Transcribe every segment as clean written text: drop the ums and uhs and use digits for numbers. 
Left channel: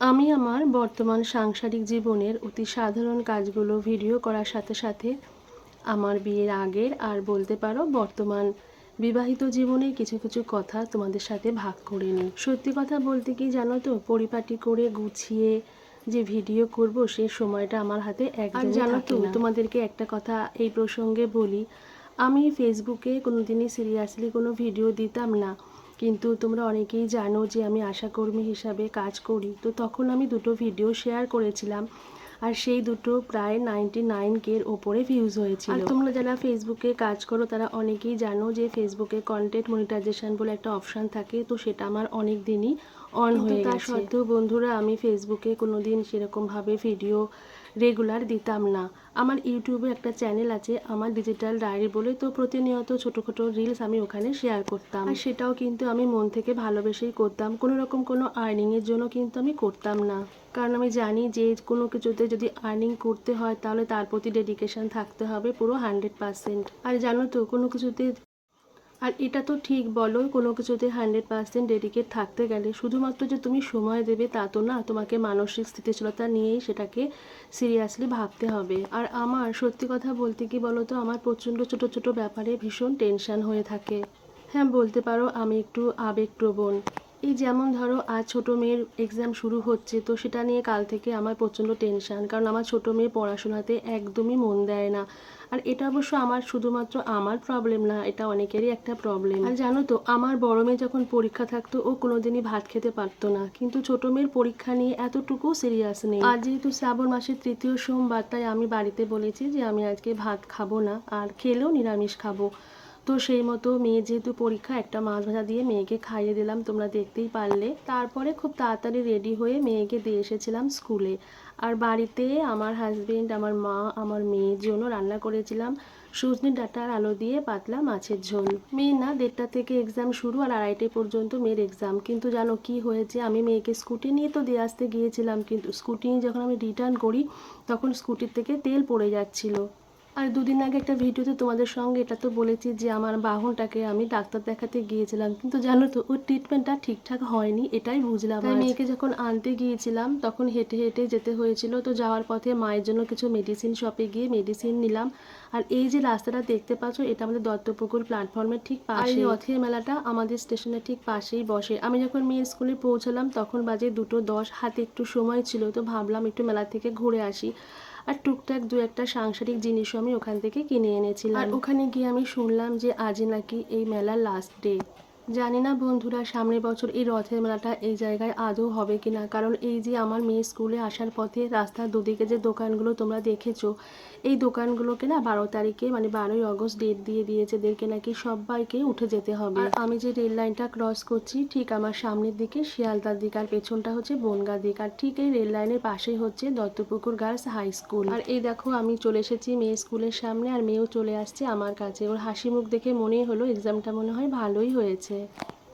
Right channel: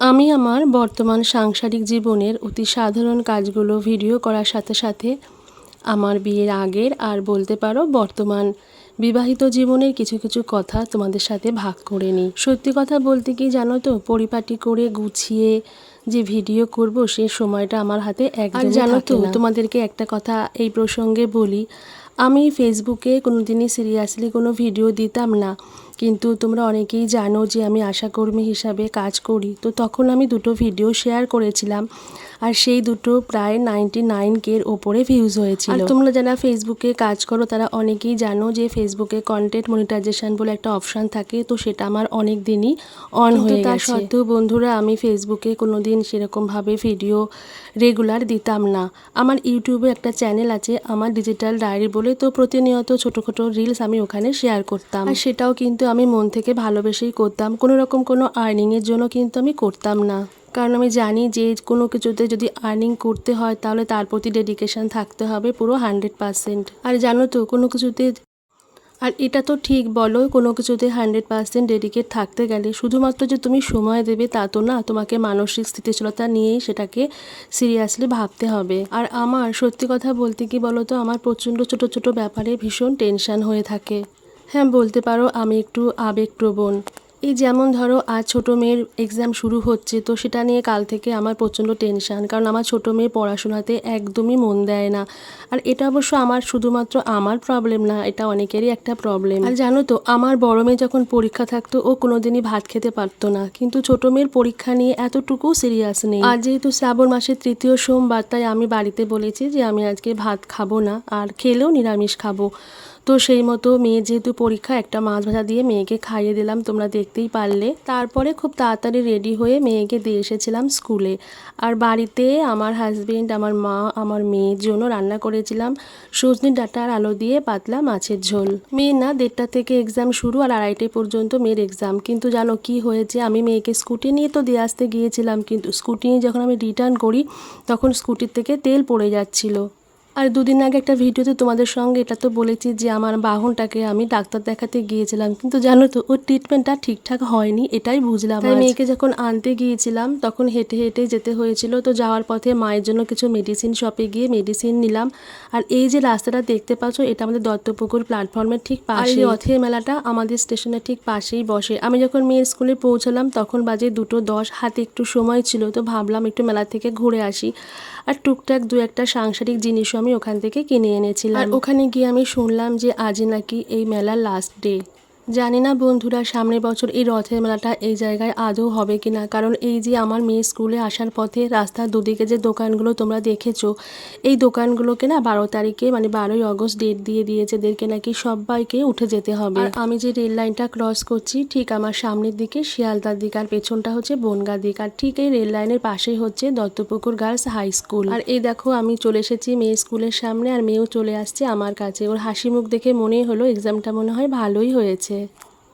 আমি আমার বর্তমান সাংসারিক জীবনের অতি সাধারণ কাজগুলো ভিডিও করার সাথে সাথে আমার বিয়ের আগের আর বলতে পারো বর্তমান বিবাহিত জীবনের কিছু কিছু কথা তোমাদের সাথে ভাগ করে নিই। সত্যি কথা বলতে কি জানো তো, পরিপাটি করে গুছিয়ে যে ভিডিও করব সে সময়টা আমার হাতে একদমই জানো তো। তোমাদেরকে একটা কথা এই প্রসঙ্গে বলি, আমি ফেসবুকে কোনোদিনই সিরিয়াসলি কোনো ভিডিও দিতাম না, কিন্তু তোমরা অনেকেই জানো যে আমি আশাকর্মী হিসাবে কাজ করি। তো তখন আমি দুটো ভিডিও শেয়ার করেছিলাম, আর সেই দুটো প্রায় 99K ওপরে ভিউজ হয়েছিল। আর তোমরা যারা ফেসবুকে কাজ করো তারা অনেকেই জানো যে ফেসবুকে কন্টেন্ট মনিটাইজেশন বলে একটা অপশান থাকে, তো সেটা আমার অনেক দিনই অন হয়ে গেছে। তার সত্ত্বেও বন্ধুরা আমি ফেসবুকে কোনো দিন সেরকমভাবে ভিডিও রেগুলার দিতাম না। আমার ইউটিউবে একটা চ্যানেল আছে আমার ডিজিটাল ডায়েরি বলে, তো প্রতিনিয়ত ছোটো রিলস আমি ওখানে শেয়ার করতাম, আর সেটাও কিন্তু আমি মন থেকে ভালোবেসেই করতাম। কোনো রকম কোনো আর্নিংয়ের জন্য কিন্তু আমি করতাম না, কারণ আমি জানি যে কোনো কিছুতে যদি আর্নিং করতে হয় তাহলে তার প্রতি ডেডিকেশন থাকতে হবে পুরো 100%। আর জানো তো কোনো কিছুতে, আর এটা তো ঠিক বলো, কোনো কিছুতে 100% ডেডিকেট থাকতে গেলে শুধুমাত্র যে তুমি সময় দেবে তা তো না, তোমাকে মানসিক স্থিতিশীলতা নিয়েই সেটাকে সিরিয়াসলি ভাবতে হবে। আর আমার সত্যি কথা বলতে কি বলো তো, আমার প্রচণ্ড ছোটো ব্যাপারে ভীষণ টেনশান হয়ে থাকে। হ্যাঁ, বলতে পারো আমি একটু আবেগপ্রবণ। এই যেমন ধরো আজ ছোটো মেয়ের এক্সাম শুরু হচ্ছে, তো সেটা নিয়ে কাল থেকে আমার প্রচণ্ড টেনশান, কারণ আমার ছোটো মেয়ে পড়াশোনাতে একদমই মন দেয় না। আর এটা অবশ্য আমার শুধুমাত্র আমার প্রবলেম না, এটা অনেকেরই একটা প্রবলেম। আর জানো তো, আমার বড় মেয়ে যখন পরীক্ষা থাকতো ও কোনোদিনই ভাত খেতে পারতো না, কিন্তু ছোটো মেয়ের পরীক্ষা নিয়ে এতটুকু সিরিয়াস নেই। আর যেহেতু শ্রাবণ মাসের 3য় সোমবার, তাই আমি বাড়িতে বলেছি যে আমি আজকে ভাত খাবো না, আর খেলেও নিরামিষ খাবো। তো সেই মতো মেয়ে যেহেতু পরীক্ষা, একটা মাছ ভাজা দিয়ে মেয়েকে খাইয়ে দিলাম, তোমরা দেখতেই পারলে। তারপরে খুব তাড়াতাড়ি রেডি হয়ে মেয়েকে দিয়ে এসেছিলাম স্কুলে। আর বাড়িতে আমার হাজবেন্ড, আমার মা, আমার মেয়ের জন্য রান্না করেছিলাম সজনে ডাঁটা আর আলু দিয়ে পাতলা মাছের ঝোল। মেয়ের না 1:30 থেকে এক্সাম শুরু, আর 2:30 পর্যন্ত মেয়ের এক্সাম। কিন্তু জানো কি হয়েছে, আমি মেয়েকে স্কুটি নিয়ে তো দিয়ে আসতে গিয়েছিলাম, কিন্তু স্কুটি নিয়ে যখন আমি রিটার্ন করি তখন স্কুটির থেকে তেল পড়ে যাচ্ছিলো। আর দুদিন আগে একটা ভিডিওতে তোমাদের সঙ্গে এটা তো বলেছি যে আমার বাহনটাকে আমি ডাক্তার দেখাতে গিয়েছিলাম, কিন্তু জানো তো ওর ট্রিটমেন্টটা ঠিকঠাক হয়নি, এটাই বুঝলাম। তাই মেয়েকে যখন আনতে গিয়েছিলাম তখন হেঁটে হেঁটে যেতে হয়েছিল। তো যাওয়ার পথে মায়ের জন্য কিছু মেডিসিন শপে গিয়ে মেডিসিন নিলাম। আর এই যে রাস্তাটা দেখতে পাচ্ছ, এটা আমাদের দত্তপুকুর প্ল্যাটফর্মের ঠিক পাশে। আর এই রথের মেলাটা আমাদের স্টেশনের ঠিক পাশেই বসে। আমি যখন মেয়ের স্কুলে পৌঁছলাম তখন বাজে 2:10, হাতে একটু সময় ছিল, তো ভাবলাম একটু মেলা থেকে ঘুরে আসি। আর টুকটাক দু একটা সাংসারিক জিনিসও আমি ওখান থেকে কিনে এনেছিলাম। আর ওখানে গিয়ে আমি শুনলাম যে আজই নাকি এই মেলার লাস্ট ডে। জানি না বন্ধুরা সামনের বছর এই রথের মেলাটা এই জায়গায় আদৌ হবে কিনা, কারণ এই যে আমার মেয়ে স্কুলে আসার পথে রাস্তার দুদিকে যে দোকানগুলো তোমরা দেখেছো, এই দোকানগুলোকে না 12 তারিখে মানে 12ই আগস্ট ডেট দিয়ে দিয়েছে, এদেরকে নাকি সবাইকে উঠে যেতে হবে। আর আমি যে রেল লাইনটা ক্রস করছি ঠিক আমার সামনের দিকে শিয়ালদার দিক, আর পেছনটা হচ্ছে বনগা দিক, আর ঠিক এই রেল লাইনের পাশেই হচ্ছে দত্তপুকুর গার্লস হাই স্কুল। আর এই দেখো আমি চলে এসেছি মেয়ের স্কুলের সামনে, আর মেয়েও চলে আসছে আমার কাছে। ওর হাসি মুখ দেখে মনেই হলো এক্সামটা মনে হয় ভালোই হয়েছে।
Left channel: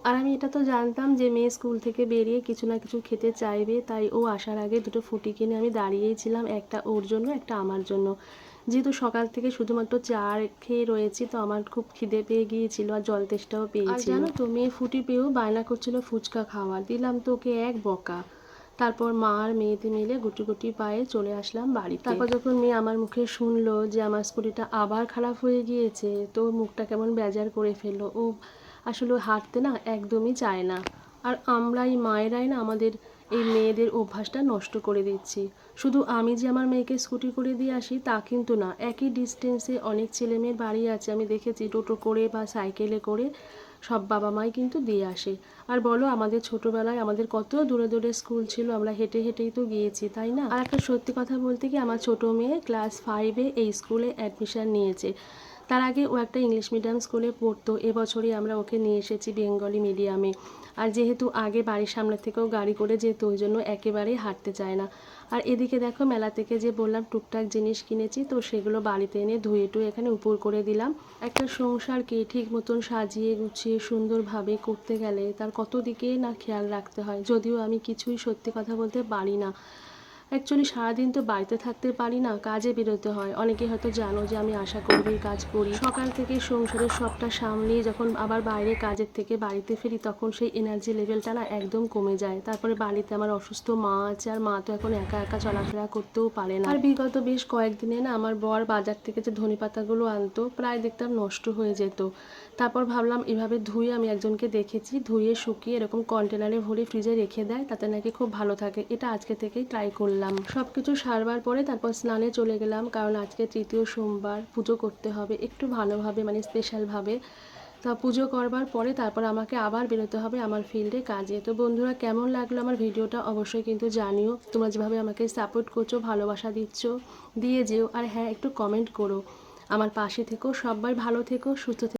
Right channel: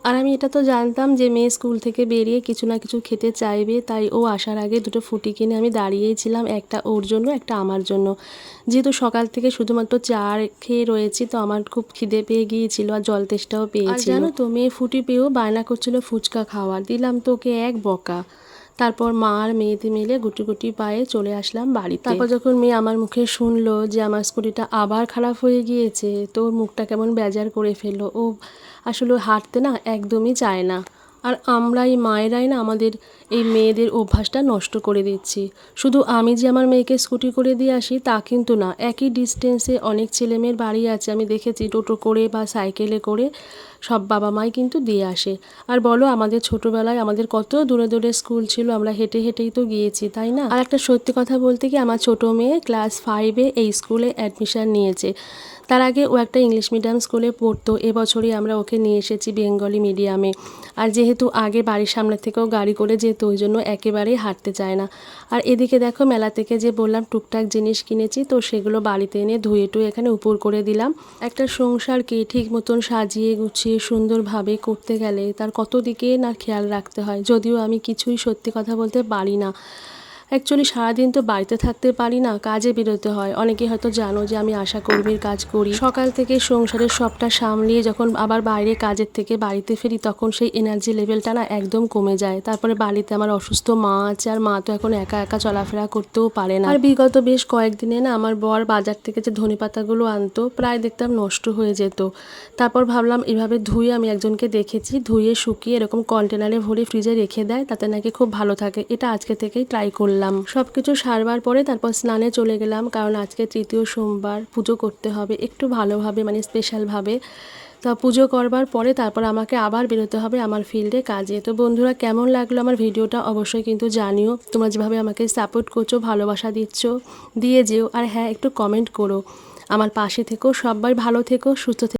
আর আমি এটা তো জানতাম যে মেয়ে স্কুল থেকে বেরিয়ে কিছু না কিছু খেতে চাইবে, তাই ও আসার আগে দুটো ফুটি কিনে আমি দাঁড়িয়েই ছিলাম, একটা ওর জন্য একটা আমার জন্য। যেহেতু সকাল থেকে শুধুমাত্র চা খেয়ে রয়েছি, তো আমার খুব খিদে পেয়ে গিয়েছিল আর জল তেষ্টাও পেয়েছিল। জানো তো মেয়ে ফুটি পেয়েও বায়না করছিল ফুচকা খাওয়ার, দিলাম তো ওকে এক বকা। তারপর মা আর মেয়েতে মিলে গুটি গুটি পায়ে চলে আসলাম বাড়িতে। তারপর যখন মেয়ে আমার মুখে শুনলো যে আমার স্কুটিটা আবার খারাপ হয়ে গিয়েছে, তো মুখটা কেমন বেজার করে ফেললো। ও আসলে হাঁটতে না একদমই চায় না। আর আমরা এই মায়েরাই না আমাদের এই মেয়েদের অভ্যাসটা নষ্ট করে দিচ্ছি। শুধু আমি যে আমার মেয়েকে স্কুটি করে দিয়ে আসি তা কিন্তু না, একই ডিস্টেন্সে অনেক ছেলেমেয়ের বাড়ি আছে, আমি দেখেছি টোটো করে বা সাইকেলে করে সব বাবা মাই কিন্তু দিয়ে আসে। আর বলো আমাদের ছোটোবেলায় আমাদের কত দূরে দূরে স্কুল ছিল, আমরা হেঁটে হেঁটেই তো গিয়েছি, তাই না? আর একটা সত্যি কথা বলতে কি, আমার ছোটো মেয়ে ক্লাস 5-এ এই স্কুলে অ্যাডমিশান নিয়েছে। তার আগে ও একটা ইংলিশ মিডিয়াম স্কুলে পড়তো, এবছরই আমরা ওকে নিয়ে এসেছি বেঙ্গলি মিডিয়ামে। আর যেহেতু আগে বাড়ির সামনে থেকেও গাড়ি করে যেত, ওই জন্য একেবারেই হাঁটতে চায় না। আর এদিকে দেখো মেলা থেকে যে বললাম টুকটাক জিনিস কিনেছি, তো সেগুলো বাড়িতে এনে ধুয়ে টুয়ে এখানে উপর করে দিলাম। একটা সংসারকে ঠিক মতন সাজিয়ে গুছিয়ে সুন্দরভাবে করতে গেলে তার কত দিকে না খেয়াল রাখতে হয়, যদিও আমি কিছুই সত্যি কথা বলতে পারি না। অ্যাকচুয়ালি সারাদিন তো বাড়িতে থাকতে পারি না, কাজে বেরোতে হয়। অনেকে হয়তো জানো যে আমি আশা কর্মীর কাজ করি। সকাল থেকে সংসারের সবটা সামলিয়ে যখন আবার বাইরে কাজের থেকে বাড়িতে ফিরি, তখন সেই এনার্জি লেভেলটা না একদম কমে যায়। তারপরে বাড়িতে আমার অসুস্থ মা আছে, আর মা তো এখন একা একা চলাফেরা করতেও পারে না। আর বিগত বেশ কয়েকদিনে না আমার বর বাজার থেকে যে ধনেপাতাগুলো আনতো, প্রায় দেখতাম নষ্ট হয়ে যেত। তারপর ভাবলাম এভাবে ধুয়ে, আমি একজনকে দেখেছি ধুয়ে শুকিয়ে এরকম কন্টেনারে ভরে ফ্রিজে রেখে দেয়, তাতে নাকি খুব ভালো থাকে। এটা আজকে থেকেই ট্রাই করলাম। সব কিছু সারবার পরে তারপর স্নানে চলে গেলাম, কারণ আজকে তৃতীয় সোমবার, পুজো করতে হবে একটু ভালোভাবে, মানে স্পেশালভাবে। তা পুজো করবার পরে তারপর আমাকে আবার বেরোতে হবে আমার ফিল্ডে কাজে। তো বন্ধুরা, কেমন লাগলো আমার ভিডিওটা অবশ্যই কিন্তু জানিও। তোমরা যেভাবে আমাকে সাপোর্ট করছো, ভালোবাসা দিচ্ছ, দিয়ে যেও। আর হ্যাঁ, একটু কমেন্ট করো, আমার পাশে থেকো। সবাই ভালো থেকো, সুস্থ থেকো।